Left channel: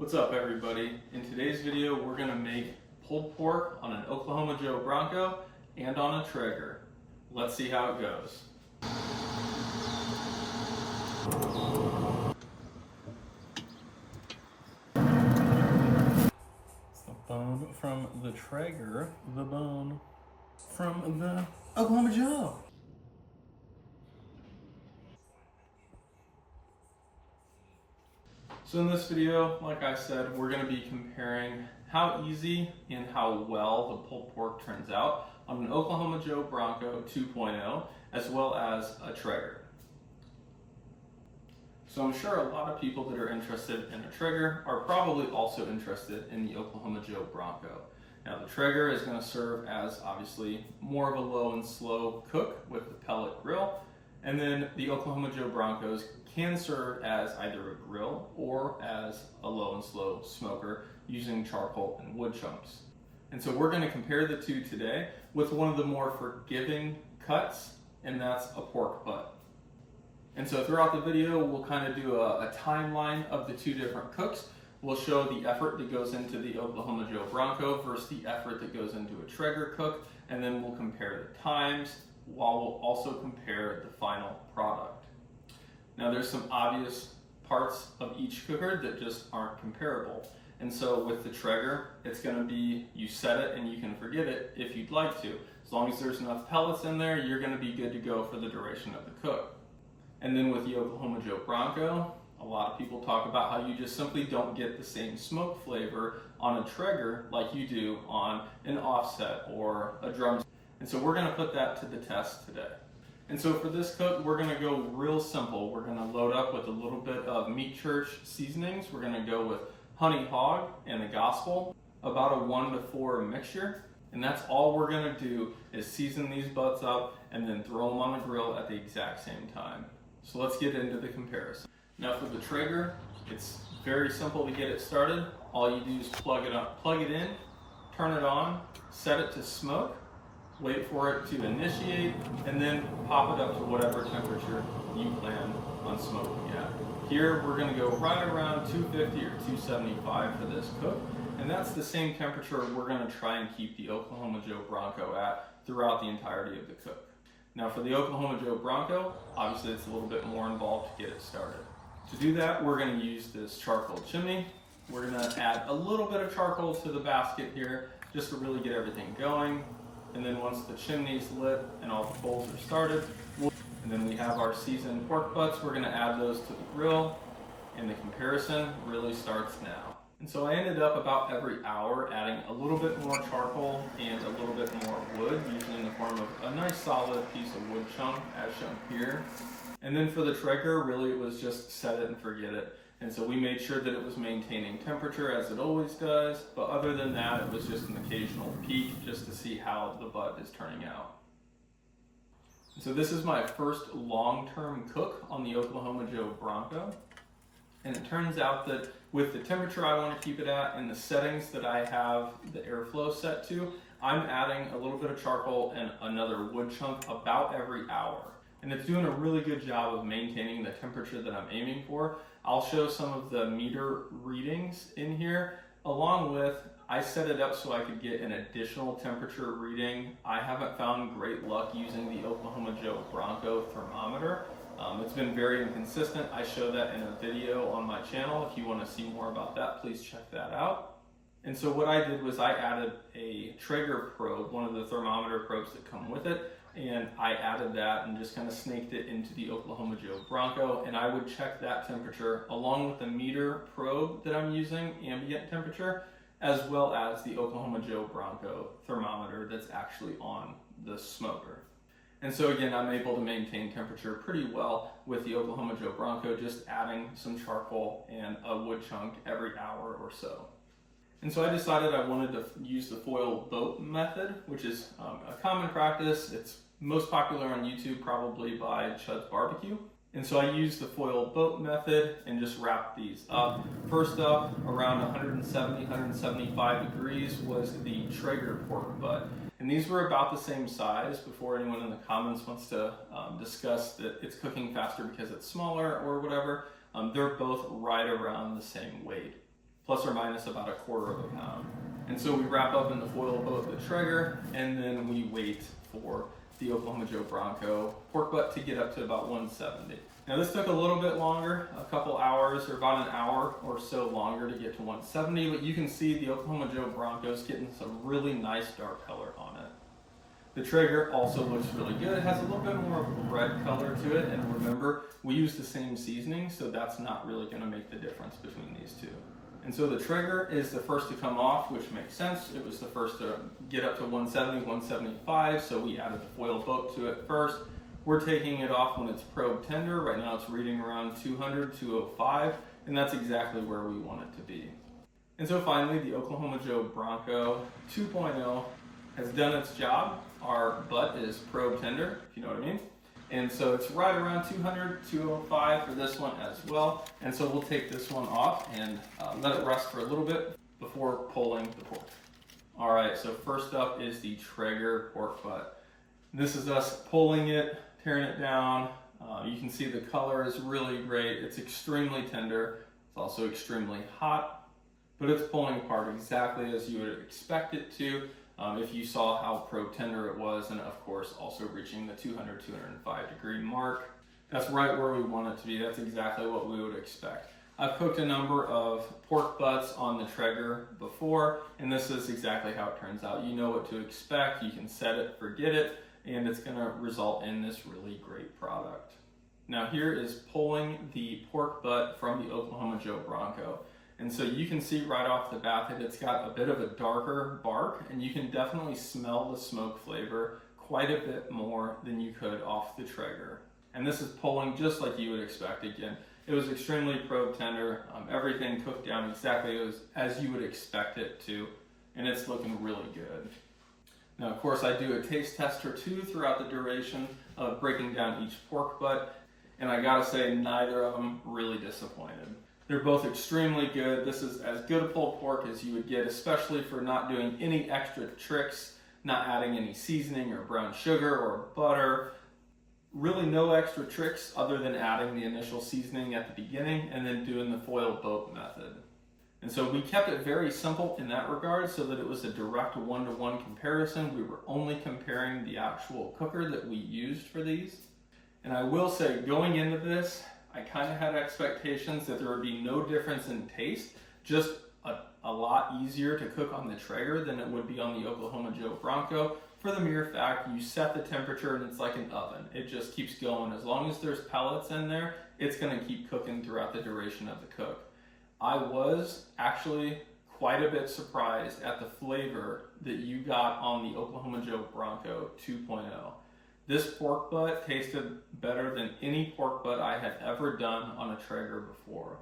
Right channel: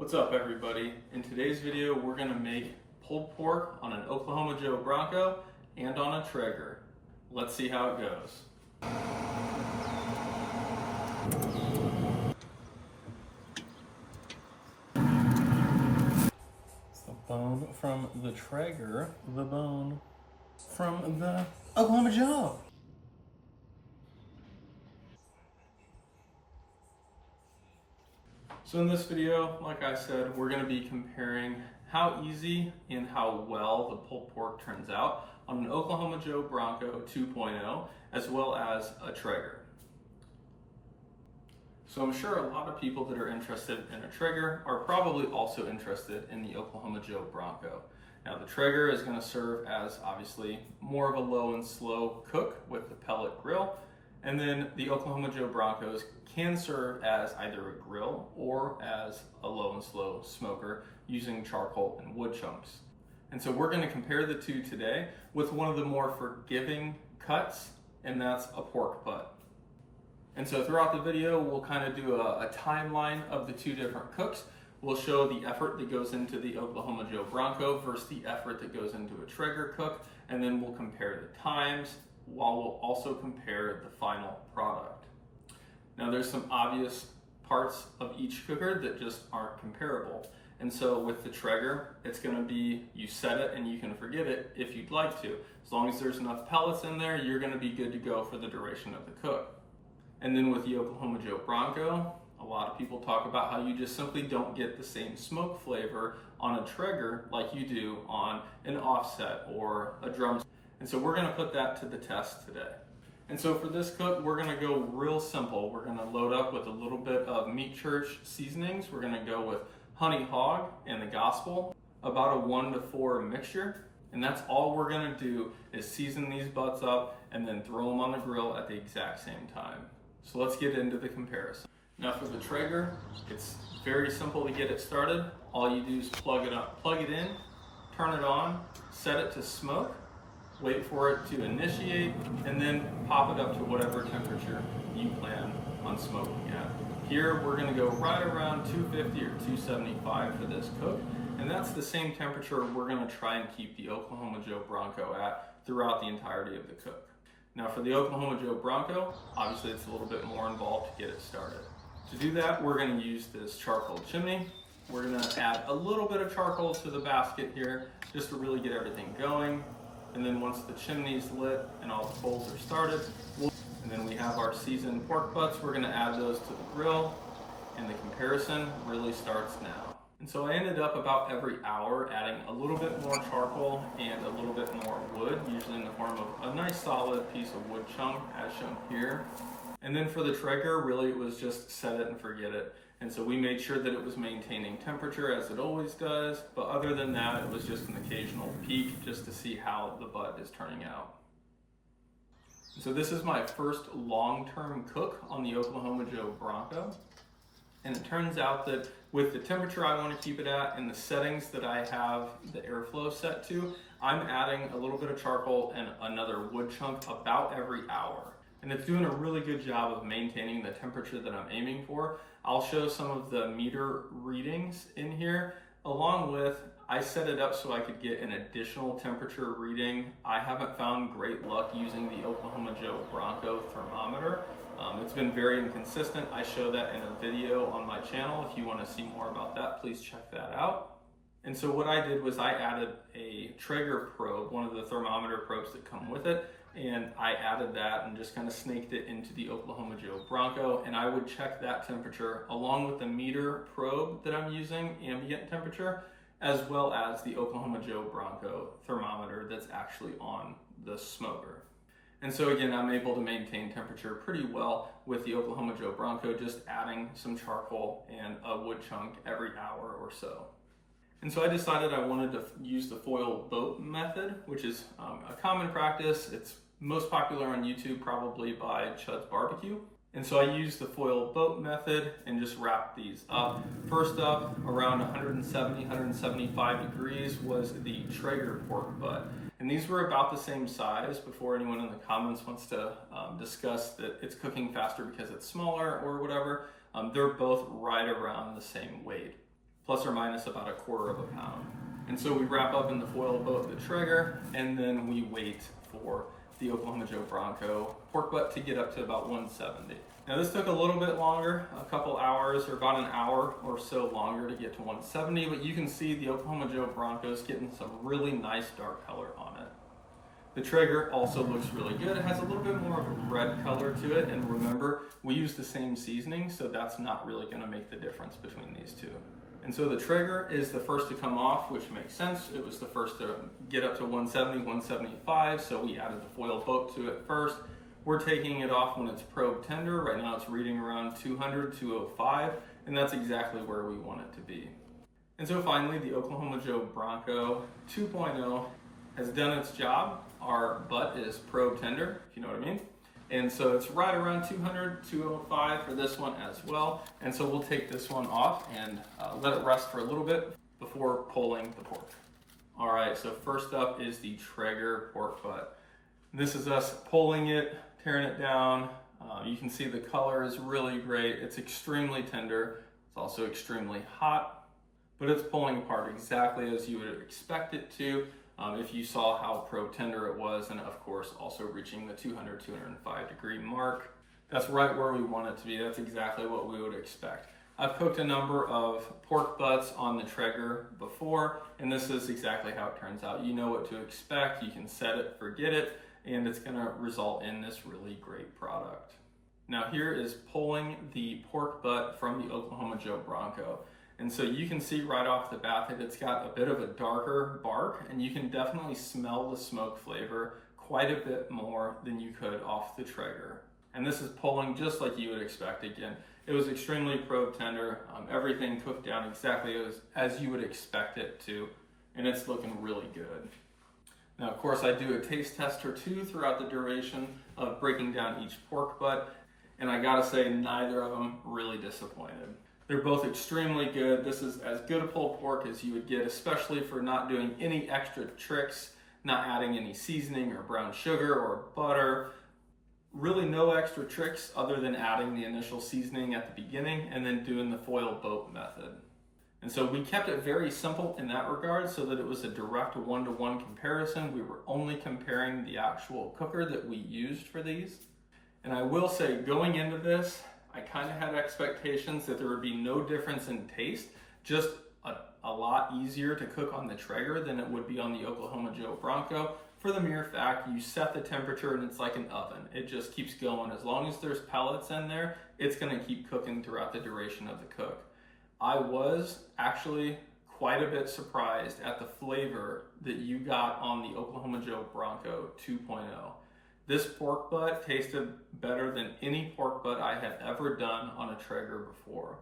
What's up, everybody? In today's video, we're gonna make pulled pork on an Oklahoma Joe Bronco and on a Traeger. Let's see how it goes. It's the bone from the Traeger, the bone from the Oklahoma Joe. So in this video, like I said, we're going to be comparing how easy and how well the pulled pork turns out on an Oklahoma Joe Bronco 2.0 as well as a Traeger. So I'm sure a lot of people that are interested in a Traeger are probably also interested in the Oklahoma Joe Bronco. Now the Traeger is going to serve as obviously more of a low and slow cook with the pellet grill, and then the Oklahoma Joe Broncos can serve as either a grill or as a low and slow smoker using charcoal and wood chunks. And so we're going to compare the two today with one of the more forgiving cuts, and that's a pork butt. And so throughout the video, we'll kind of do a timeline of the two different cooks. We'll show the effort that goes into the Oklahoma Joe Bronco versus the effort that goes into a Traeger cook, and then we'll compare the times, while we'll also compare the final product. Now there's some obvious parts of each cooker that just aren't comparable. And so with the Traeger, it's gonna be, you set it and you can forget it if you'd like to. As long as there's enough pellets in there, you're gonna be good to go for the duration of the cook. And then with the Oklahoma Joe Bronco, a lot of people talk about how you just simply don't get the same smoke flavor on a Traeger like you do on an offset or a drum. And so we're gonna put that to the test today. And so for this cook, we're gonna go real simple. We're gonna load up with a little bit of Meat Church seasonings. We're gonna go with Honey Hog and the Gospel, about a 1 to 4 mixture. And that's all we're gonna do is season these butts up and then throw them on the grill at the exact same time. So let's get into the comparison. Now for the Traeger, it's very simple to get it started. All you do is plug it in, turn it on, set it to smoke, wait for it to initiate, and then pop it up to whatever temperature you plan on smoking at. Here we're gonna go right around 250 or 275 for this cook, and that's the same temperature we're gonna try and keep the Oklahoma Joe Bronco at throughout the entirety of the cook. Now for the Oklahoma Joe Bronco, obviously it's a little bit more involved to get it started. To do that, we're gonna use this charcoal chimney. We're gonna add a little bit of charcoal to the basket here just to really get everything going. And then once the chimney's lit and all the coals are started, and then we have our seasoned pork butts, we're gonna add those to the grill, and the comparison really starts now. And so I ended up about every hour adding a little bit more charcoal and a little bit more wood, usually in the form of a nice solid piece of wood chunk as shown here. And then for the Traeger, really it was just set it and forget it. And so we made sure that it was maintaining temperature as it always does, but other than that, it was just an occasional peek just to see how the butt is turning out. So this is my first long-term cook on the Oklahoma Joe Bronco. And it turns out that with the temperature I want to keep it at and the settings that I have the airflow set to, I'm adding a little bit of charcoal and another wood chunk about every hour. And it's doing a really good job of maintaining the temperature that I'm aiming for. I'll show some of the meter readings in here, along with, I set it up so I could get an additional temperature reading. I haven't found great luck using the Oklahoma Joe Bronco thermometer. It's been very inconsistent. I show that in a video on my channel. If you want to see more about that, please check that out. And so what I did was I added a Traeger probe, one of the thermometer probes that come with it, and I added that and just kind of snaked it into the Oklahoma Joe Bronco, and I would check that temperature along with the meter probe that I'm using, ambient temperature, as well as the Oklahoma Joe Bronco thermometer that's actually on the smoker. And so again, I'm able to maintain temperature pretty well with the Oklahoma Joe Bronco, just adding some charcoal and a wood chunk every hour or so. And so I decided I wanted to use the foil boat method, which is a common practice. It's most popular on YouTube, probably by Chud's Barbecue. And so I used the foil boat method and just wrapped these up. First up, around 170, 175 degrees was the Traeger pork butt. And these were about the same size. Before anyone in the comments wants to discuss that it's cooking faster because it's smaller or whatever, they're both right around the same weight. plus or minus about 1/4 pound. And so we wrap up in the foil boat the Traeger, and then we wait for the Oklahoma Joe Bronco pork butt to get up to about 170. Now this took a little bit longer, a couple hours or about an hour or so longer to get to 170, but you can see the Oklahoma Joe Bronco's getting some really nice dark color on it. The Traeger also looks really good. It has a little bit more of a red color to it, and remember, we use the same seasoning, so that's not really gonna make the difference between these two. And so the Traeger is the first to come off, which makes sense. It was the first to get up to 170, 175, so we added the foil boat to it first. We're taking it off when it's probe tender. Right now it's reading around 200, 205, and that's exactly where we want it to be. And so finally, the Oklahoma Joe Bronco 2.0 has done its job. Our butt is probe tender, if you know what I mean. And so it's right around 200, 205 for this one as well. And so we'll take this one off and let it rest for a little bit before pulling the pork. All right, so first up is the Traeger pork butt. This is us pulling it, tearing it down. You can see the color is really great. It's extremely tender. It's also extremely hot, but it's pulling apart exactly as you would expect it to. If you saw how probe tender it was, and of course also reaching the 200, 205 degree mark. That's right where we want it to be. That's exactly what we would expect. I've cooked a number of pork butts on the Traeger before, and this is exactly how it turns out. You know what to expect, you can set it, forget it, and it's gonna result in this really great product. Now here is pulling the pork butt from the Oklahoma Joe Bronco. And so you can see right off the bat that it's got a bit of a darker bark, and you can definitely smell the smoke flavor quite a bit more than you could off the Traeger. And this is pulling just like you would expect. Again, it was extremely probe tender. Everything cooked down exactly as you would expect it to, and it's looking really good. Now, of course, I do a taste test or two throughout the duration of breaking down each pork butt, and I gotta say, neither of them really disappointed. They're both extremely good. This is as good a pulled pork as you would get, especially for not doing any extra tricks, not adding any seasoning or brown sugar or butter. Really no extra tricks other than adding the initial seasoning at the beginning and then doing the foil boat method. And so we kept it very simple in that regard so that it was a direct one-to-one comparison. We were only comparing the actual cooker that we used for these. And I will say, going into this, I kind of had expectations that there would be no difference in taste, just a lot easier to cook on the Traeger than it would be on the Oklahoma Joe Bronco, for the mere fact you set the temperature and it's like an oven. It just keeps going. As long as there's pellets in there, it's going to keep cooking throughout the duration of the cook. I was actually quite a bit surprised at the flavor that you got on the Oklahoma Joe Bronco 2.0. This pork butt tasted better than any pork butt I had ever done on a Traeger before.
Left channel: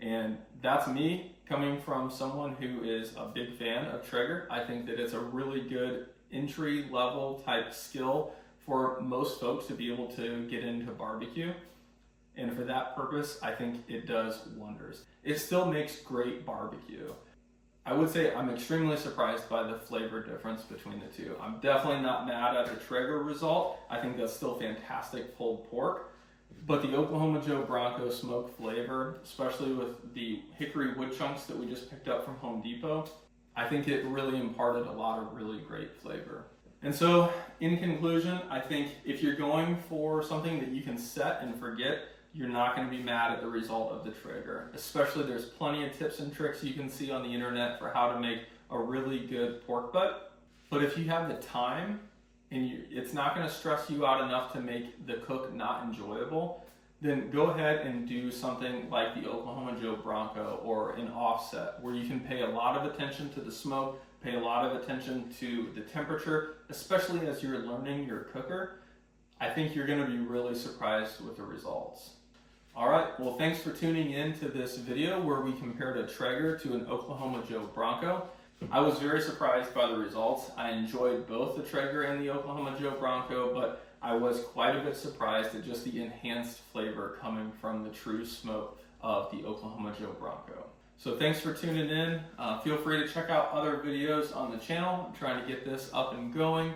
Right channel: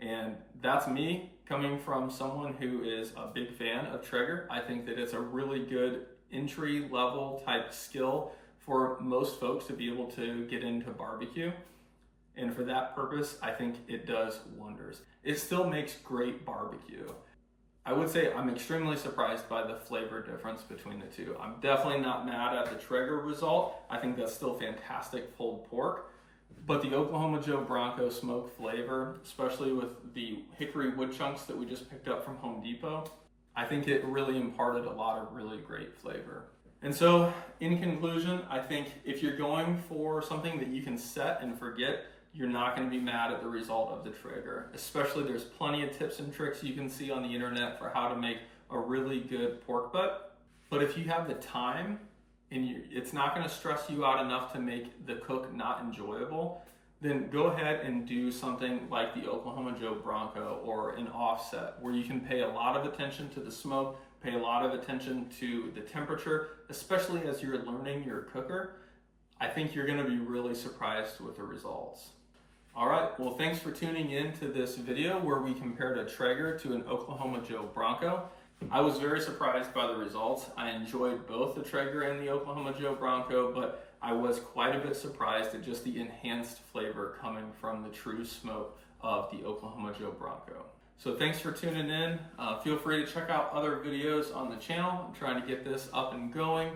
And that's me coming from someone who is a big fan of Traeger. I think that it's a really good entry level type skill for most folks to be able to get into barbecue. And for that purpose, I think it does wonders. It still makes great barbecue. I would say I'm extremely surprised by the flavor difference between the two. I'm definitely not mad at the Traeger result. I think that's still fantastic pulled pork. But the Oklahoma Joe Bronco smoke flavor, especially with the hickory wood chunks that we just picked up from Home Depot, I think it really imparted a lot of really great flavor. And so, in conclusion, I think if you're going for something that you can set and forget, you're not going to be mad at the result of the Traeger. Especially, there's plenty of tips and tricks you can see on the internet for how to make a really good pork butt. But if you have the time, and it's not going to stress you out enough to make the cook not enjoyable, then go ahead and do something like the Oklahoma Joe Bronco or an offset, where you can pay a lot of attention to the smoke, pay a lot of attention to the temperature, especially as you're learning your cooker. I think you're going to be really surprised with the results. All right, well, thanks for tuning in to this video where we compared a Traeger to an Oklahoma Joe Bronco. I was very surprised by the results. I enjoyed both the Traeger and the Oklahoma Joe Bronco, but I was quite a bit surprised at just the enhanced flavor coming from the true smoke of the Oklahoma Joe Bronco. So thanks for tuning in. Feel free to check out other videos on the channel. I'm trying to get this up and going.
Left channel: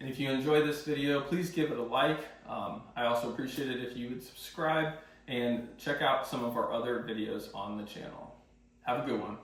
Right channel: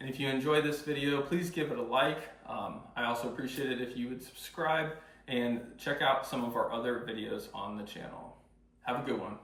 And if you enjoyed this video, please give it a like. I also appreciate it if you would subscribe and check out some of our other videos on the channel. Have a good one.